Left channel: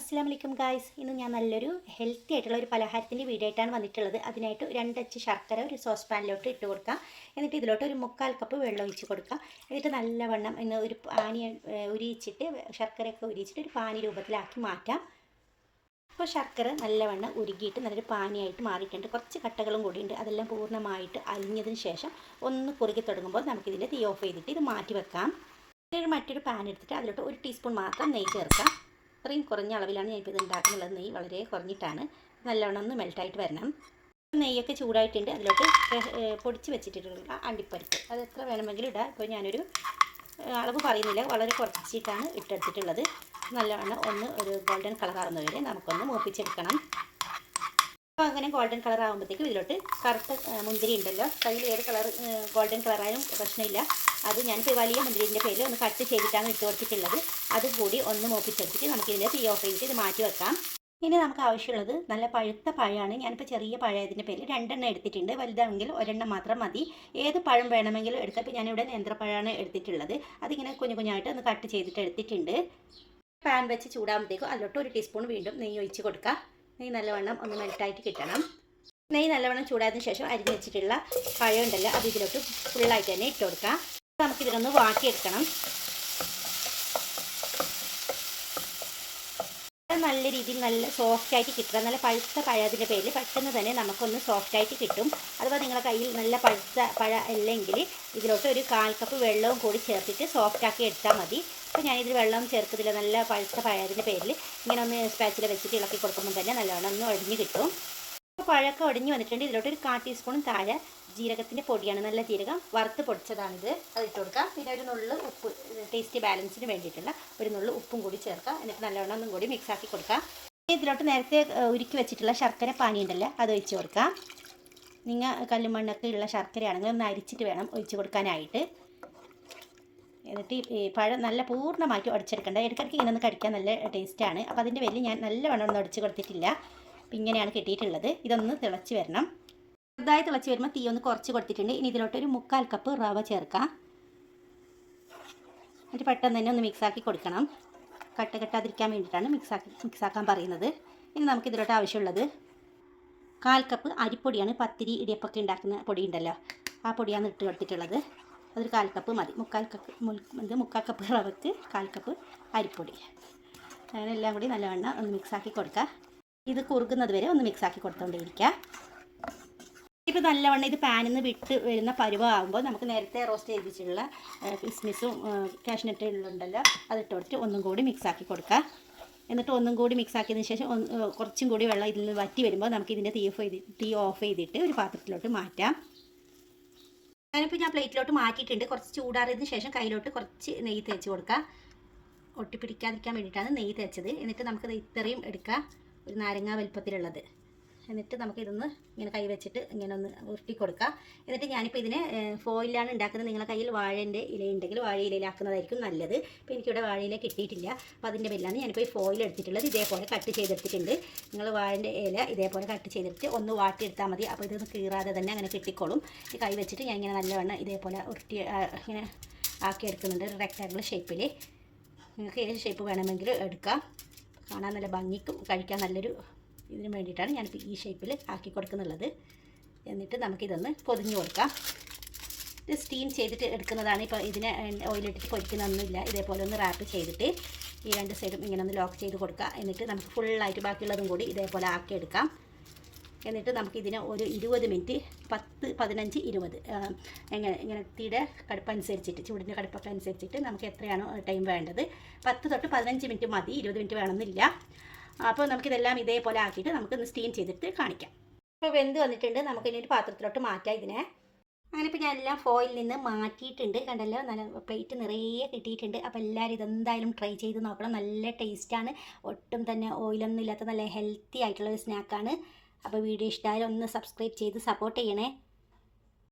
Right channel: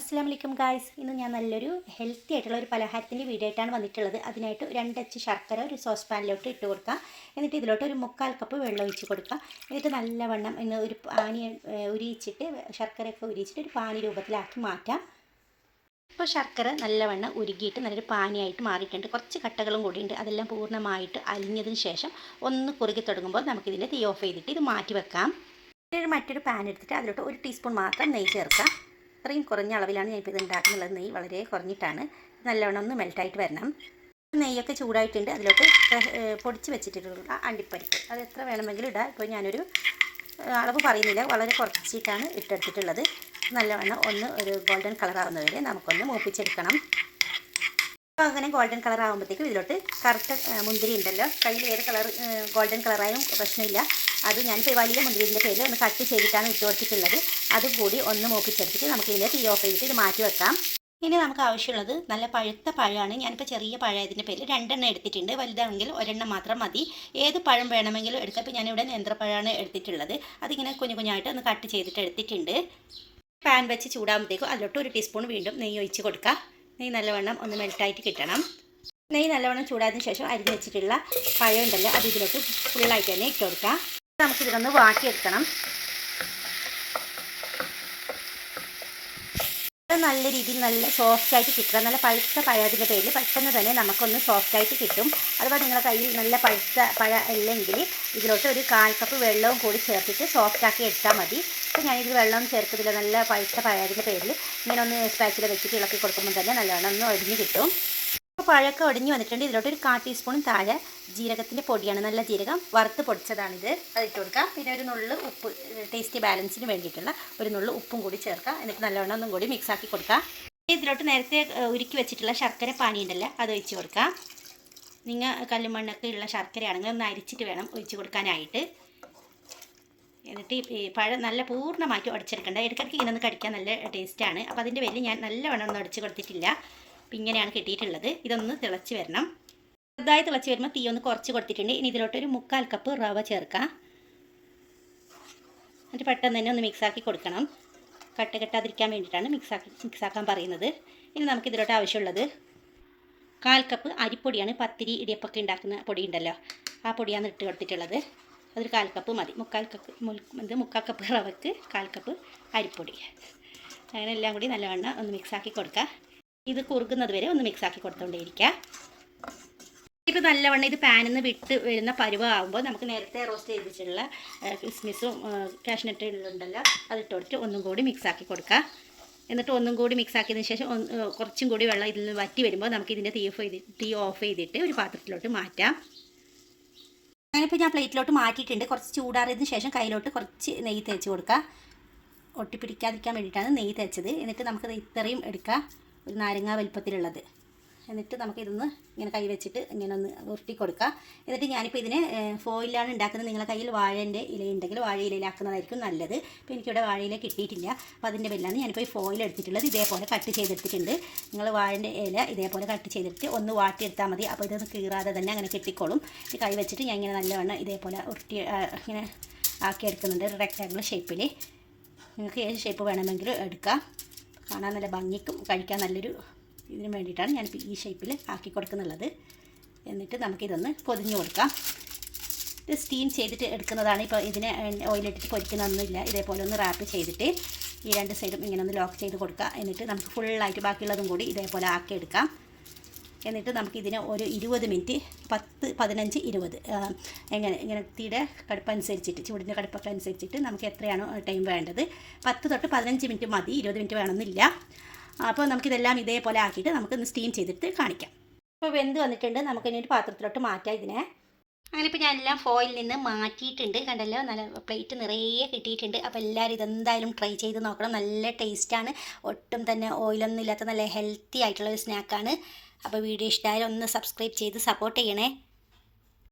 അസ്സലാമലൈക്കും ഗായ്സ്. ഇന്ന് ഞാൻ നല്ലൊരു ഹെൽത്തി ആയിട്ടുള്ള ഒരു പലഹാരത്തിൻ്റെ വീഡിയോ ആയിട്ടാണ് വന്നിട്ടുള്ളത്. അതിനായിട്ട് 2 അച്ച് ശർക്കര ഒരു സോസ് പാനിലോട്ട് ഇട്ട് കൊടുക്കുക. എന്നിട്ട് ഇതിലോട്ട് ഒരു 3/4 കപ്പ് വെള്ളം ഒഴിച്ച് കൊടുക്കുക. എന്നിട്ട് നല്ലവണ്ണം ഒരു പാനി ഉരിയിച്ചിട്ട് ശർക്കരയൊക്കെ ഉരിയിച്ചിട്ട് ഒരു പാനി രൂപത്തിലാക്കി മാറ്റാം. അപ്പോൾ ശർക്കര നല്ലവണ്ണം ഉരുകിയിട്ട് നല്ലൊരു പാനിയായിട്ട് മാറിയിട്ടുണ്ട്. കുറച്ച് കട്ടകളും കൂടിയുണ്ട്. അതെല്ലാം പൂർണ്ണമായിട്ട് അലിഞ്ഞതിന് ശേഷം ഒന്ന് കുറുകി തുടങ്ങുമ്പോൾ നമുക്കിതിൻ്റെ തീ ഓഫ് ചെയ്തിട്ട് ഇത് മാറ്റി വെക്കാം. മറ്റൊരു പാൻ എടുത്തിട്ട് അതിലോട്ട് 1 ടീസ്പൂൺ മാത്രം നെയ്യ് ചേർക്കാം. അത്രയും കുറഞ്ഞ അളവിലാണ് ഞാനിപ്പോൾ ഇത് ഉണ്ടാക്കുന്നുള്ളത്. നെയ്യ് വളരെ കുറഞ്ഞിട്ടാണ്. നല്ലവണ്ണം ഒന്ന് മെൽറ്റായിട്ട് വരണം. നെയ്യൊക്കെ ചൂടായിട്ടുണ്ട്. അതിലോട്ട് പൊടിച്ച് വെച്ചിട്ടുള്ള അണ്ടിപ്പരിപ്പ് അത് എത്ര വേണമെങ്കിലും ഇടാം. ഇപ്പോൾ ഞാനൊരു അളവ് പറയുന്നില്ല, വളരെ കുറച്ചിട്ടാണ് ഇട്ടെടുത്തിട്ടുള്ളത്. നല്ലവണ്ണം ഒരു ഗോൾഡൻ കളർ ആവുന്നവരെ നമുക്കൊന്ന് മൂപ്പിച്ചെടുക്കണം. അപ്പോൾ അങ്ങനെ ഗോൾഡൻ കളർ ആകുമ്പോഴത്തേക്കും ഇതിലോട്ട് കറുത്ത മുന്തിരി ഉണ്ടല്ലോ, കയ്യിൽ ഏത് കളർ ഗോൾഡൻ കളറായാലും പ്രശ്നമില്ല. അത് ഞാനിപ്പോൾ വലിയ മുന്തിരിൻ്റെ പേരിൽ ഒന്ന് കട്ട് ചെയ്തിട്ടാണ് ഇട്ട് കൊടുത്തിട്ടുള്ളത്. അതുകൂടി ഒന്ന് മൂപ്പിച്ചെടുത്തിട്ട് നമുക്കിതിൽ തീ ഓഫ് ചെയ്തിട്ട് ഇത് മാറ്റി വെക്കാം. ഇനി നമുക്ക് ആവശ്യമുള്ളത് നല്ല പഴുത്ത പഴമാണ്. ഞാനിപ്പോൾ ചെറിയ പഴയതിൻ്റെ പേരിൽ 2 എണ്ണം എടുത്തിട്ടുണ്ട്. വലുതാണെങ്കിൽ 1 എണ്ണം മാത്രം മതി. ഏത് പഴം വേണമെങ്കിലും എടുക്കാം. ഇപ്പോൾ ഞാനിവിടെ നേന്ത്രപ്പഴമാണ് എടുത്തിട്ടുള്ളത്. അതിങ്ങനെ കുഞ്ഞായിട്ട് ഒന്ന് കട്ട് ചെയ്തിട്ട് എടുത്തിട്ടുണ്ട്. പാൻ വെച്ച് ചൂടാകുമ്പോഴത്തേക്കും അതിലോട്ട് 1 ടീസ്പൂൺ വീണ്ടും നെയ്യ് ഒഴിച്ച് കൊടുക്കുക. നെയ്യ് നല്ലവണ്ണം ഒന്ന് മെൽറ്റായിട്ട് കിട്ടണം. നെയ്യ് നല്ലവണ്ണം ചൂടായതിനു ശേഷം അരിഞ്ഞ് വെച്ചിട്ടുള്ള പഴം ഉണ്ടല്ലോ അത് ഇതിലോട്ട് ഫുള്ളായിട്ട് തന്നെ ഇട്ട് കൊടുക്കുക. നമുക്കിതിലൊന്ന് വാട്ടിയെടുക്കണം. നല്ല രീതിയിൽ നല്ല സോഫ്റ്റായിട്ട് കിട്ടുക. നല്ല പഴുത്ത പഴത്തിൻ്റെ പേരിൽ പെട്ടെന്ന് തന്നെ നമുക്കൊന്ന് സോഫ്റ്റായിട്ട് കിട്ടും. അതുപോലെ നിങ്ങളുടെ കയ്യിൽ നല്ല പഴുത്ത പഴ അല്ലെങ്കിൽ ഇതിലോട്ട് ഒരു 1/4 കപ്പ് വെള്ളവും കൂടി ചേർത്തിട്ട് സോഫ്റ്റാക്കി എടുത്താൽ മതി. അപ്പോൾ ഞാനിത് വെള്ളം ചേർക്കത്തില്ല. നല്ല പഴുത്ത പഴത്തിൻ്റെ പേരിൽ ഇങ്ങനെ ഒന്ന് സ്പാച്ചിൽ വെച്ചിട്ട് ഇളക്കി കൊടുക്കുമ്പോൾ തന്നെ നല്ലവണ്ണം ഒന്ന് ഒടിഞ്ഞ് കിട്ടും. അപ്പോൾ പഴമൊക്കെ ഒടിഞ്ഞ് വന്നിട്ടുണ്ട്. ഇതിലോട്ട് ഒരു 1/4 ടീസ്പൂൺ താഴെ ജീരകത്തിൻ്റെ പൊടിയാണ്, നല്ല ജീരകം വറുത്ത് പൊടിച്ചതാണിത്. അത് ഇട്ട് കൊടുക്കാം. പിന്നെ ഒരു നുള്ളു ഉപ്പ്, ടേസ്റ്റ് ബാലൻസിന് വേണ്ടിയിട്ടുള്ള ഒരു നുള്ളു ഉപ്പും കൂടി ചേർക്കാം. എന്നിട്ട് നല്ലവണ്ണം ഒന്നും കൂടി മിക്സാക്കി കൊടുക്കാം. ഇതിലോട്ട് നേരത്തെ ഉരുക്കി വെച്ചിട്ടുള്ള ശർക്കര പാനി ഉണ്ടല്ലോ അത് ഒഴിച്ച് കൊടുക്കാം. നിങ്ങൾ കല്ലുമണ്ണൊക്കെ ഉള്ള ശർക്കരയാണെങ്കിൽ ഒന്ന് അരിച്ചിട്ട് വേണം ഒഴിച്ച് കൊടുക്കാനായിട്ട്. എന്നിട്ട് ഈ പഴം നല്ല പൂർണ്ണമായിട്ട് ഉടച്ചെടുക്കേണ്ട. ഇടയ്ക്കിടയ്ക്ക് ഇങ്ങനെ ഒന്ന് കടിക്കാൻ നല്ല ടേസ്റ്റാണ്. അപ്പോൾ അതിൻ്റെ പേരിൽ ഞാൻ നല്ലവണ്ണം ഒന്നും ഉടച്ച് കൊടുത്തിട്ടില്ല. അപ്പം ഇങ്ങനെയാണ് കിട്ടിയിട്ടുള്ളത്. ഇതൊന്ന് തിളച്ച് വരണം. ചെറുതായി തിളച്ച് വരുമ്പോൾ തീ ഒന്ന് കുറച്ച് കൊടുത്തിട്ടുണ്ട്. ഇനി ഇതിലോട്ട് ഒരു 3/4 കപ്പ് റവ ചേർക്കാം. എന്നിട്ട് പെട്ടെന്ന് തന്നെ ഒന്ന് മിക്സാക്കി കൊടുക്കണം. കെട്ടാതിരിക്കാൻ വേണ്ടിയിട്ടാണ് മിക്സാക്കാൻ പറയുന്നത്. ഇനി നമുക്കിതിലോട്ട് ആവശ്യമുള്ളത് 1/4 കപ്പ് അരിപ്പൊടിയാണ്. പത്തിരി ഇടിയപ്പൊക്കെ ഉണ്ടാക്കുന്ന പൊടി ഉണ്ടല്ലോ ആ പൊടിയാണ് ഇട്ട് കൊടുത്തിട്ടുള്ളത്. അതൊരു 1/4 കപ്പ് മതി. 3/4 കപ്പ് റവയ്ക്ക് 1/4 കപ്പ് അരിപ്പൊടി. അങ്ങനെ എല്ലാം കൂടി നല്ലവണ്ണം ഒന്ന് മിക്സാക്കി കൊടുക്കുക. ഇത് കുറുകുന്നത് വരെ ഒന്ന് മിക്സാക്കി കൊടുത്തുകൊണ്ടേയിരിക്കുക. ഇപ്പോൾ നല്ലവണ്ണം ഇത് പാനിൽ നിന്ന് വിട്ട് വരുന്ന പരുവമാകുമ്പോൾ നമുക്ക് നേരത്തെ റോസ്റ്റ് ചെയ്ത് വെച്ചിട്ടുള്ള കിസ്മിസും കാഷ്നട്ടുണ്ടല്ലോ അതിട്ട് കൊടുത്തിട്ട് ഒന്നും കൂടി മിക്സാക്കി കൊടുക്കുക. എന്നിട്ട് ഒന്നും കൂടി മിക്സാക്കിയതിന് ശേഷം കുറച്ചും കൂടി വെള്ളം ഇതിൽ നിന്ന് വറ്റി വരുമ്പോൾ നമുക്ക് ഇതിൻ്റെ തീ ഓഫ് ചെയ്തിട്ട് ഒരു പാത്രത്തിലോട്ട് മാറ്റാം. അങ്ങനെയിപ്പോൾ ഞാൻ പ്ലേറ്റിലോട്ട് മാറ്റിയിട്ടുണ്ട്. കുറച്ച് ചൂടാറിയതിന് ശേഷം കയ്യിലോട്ട് കുറച്ച് നെയ്യ് തേച്ച് കൊടുക്കുക. ഒട്ടിപ്പിടിക്കാതിരിക്കാൻ വേണ്ടിയിട്ടാണ് നെയ്യ് തേച്ചത്. എന്നിട്ട് നമുക്ക് ഇത്രയും എടുക്കാം, ഒരു നാരങ്ങ വലുപ്പത്തിലുള്ളത്. എന്നിട്ട് നമുക്കിതൊന്ന് ഇങ്ങനെ കൈ വെച്ചിട്ട് ഇങ്ങനെ ഒന്ന് ഉരുട്ടി കൊടുക്കുക. എന്നിട്ട് ഞാനിപ്പോൾ ഇതിനെ ഫോയിലാണ് ഉണ്ടാക്കുന്നത്. നിങ്ങളുടെ കയ്യിൽ വാഴേൻ്റെ ഇല ഉണ്ടെങ്കിൽ വാഴ ഇലയിലാക്കുന്നതായിരിക്കും നല്ലത്. ഇപ്പോൾ എനിക്കിവിടെ വാഴയില കിട്ടിയിട്ടില്ല. അപ്പോൾ അതിൻ്റെ പേരിലാണ് ഞാനിപ്പോൾ ഈ ഫോയിൽ എടുത്തിട്ടുള്ളത്. ഇതേപോലെ കട്ട് ചെയ്തെടുത്തിട്ടുണ്ട്. നിങ്ങൾ വാഴേൻ്റെ ഇല ഇതേപോലെ കട്ട് ചെയ്തെടുത്ത് ഒന്ന് വാട്ടിയെടുത്താൽ മതി. അപ്പോൾ ഇതൊന്ന് കീറാതെ തന്നെ അങ്ങനെ കിട്ടിക്കോളും. ഈ കൈ വെച്ചിട്ട് ഞാൻ ഇങ്ങനെ നല്ലവണ്ണം ഇതേപോലെ ഉരുട്ടി ഇങ്ങനെ ആക്കിയെടുക്കുന്നുണ്ട്. ഒരു റെക്ടാങ്കിൾ ഷേപ്പിൽ. നിങ്ങൾക്ക് ഏത് ഷേപ്പ് വേണമെങ്കിലും എടുക്കാം. കാണാൻ നല്ല ഭംഗിക്കും കഴിക്കാൻ നല്ലൊരു ഇതിന് വേണ്ടിയിട്ടാണ് ഞാനിപ്പോൾ ഈ ഷേപ്പിൽ ആക്കി കൊടുക്കുന്നുള്ളത്. എന്നിട്ട് നമുക്കിതൊന്ന് പൊതിഞ്ഞ് കൊടുക്കാം. ഇത് സ്റ്റീം ചെയ്തിട്ട് എടുക്കുന്നതാണ്. ഇപ്പോൾ ഇതിനെ ഓയിലിട്ടിട്ട് പൊരിക്കുന്നൊന്നുമില്ല. ഇതേപോലെ ഒന്ന് റാപ്പ് ചെയ്തിട്ട് ഈ 2 സൈഡും ഇങ്ങനെ ഒന്ന് ലോക്ക് ചെയ്ത് കൊടുക്കുക. എന്നിട്ട് നമുക്ക് ഫുള്ളായിട്ട് ബാക്കിയുള്ളതും കൂടി ഇതേപോലെ ആക്കിയെടുക്കാം. എന്നിട്ട് നമുക്കിതിനെ ഒരു 20 മിനിറ്റ് 10, 15, 20 ഇങ്ങനെ തീരെ കടുപ്പനുസരിച്ചിട്ട് ചൂടിൻ്റെ കടുപ്പൊക്കെ അനുസരിച്ചിട്ട് നമുക്ക് എത്രയാണോ ടൈം വേണ്ടത് 10 തൊട്ട് 15 മിനിറ്റ് മതി. 20 മിനിറ്റ് വേണമെന്നില്ല. അപ്പോൾ നമുക്കിതെല്ലാം ഇതേപോലെ ആക്കിയിട്ട് നമുക്കൊന്ന് സ്റ്റീം ചെയ്തിട്ട് കാണിക്കാം. അപ്പോൾ വെന്ത് വന്നിട്ടുണ്ട്. നമുക്കിനി ഒരു പാത്രത്തിലോട്ട് മാറ്റാം ഇതിനെ. അങ്ങനെ ഇപ്പോൾ ഞാൻ എല്ലാം ഫോയിൽ നിന്ന് മാറ്റിയിട്ടുണ്ട്. കണ്ടല്ലോ, നല്ല പ്ലേറ്റ് നിറയെ കിട്ടിയിട്ടുണ്ട്. അപ്പോൾ എല്ലാവരും ഇതെന്തായാലും ട്രൈ ചെയ്ത് നോക്കണം. നല്ല ടേസ്റ്റാണ്. ഒട്ടും തന്നെ ഓയിലൊന്നും ഇല്ലാത്ത നല്ല ഹെൽത്തി ആയിട്ടുള്ള ഒരു സ്നാക്കാണ്. അപ്പോൾ വീഡിയോ ഇഷ്ടമായാലും ഒന്ന് സബ്സ്ക്രൈബ് ചെയ്ത് സപ്പോർട്ട് ചെയ്യണേ.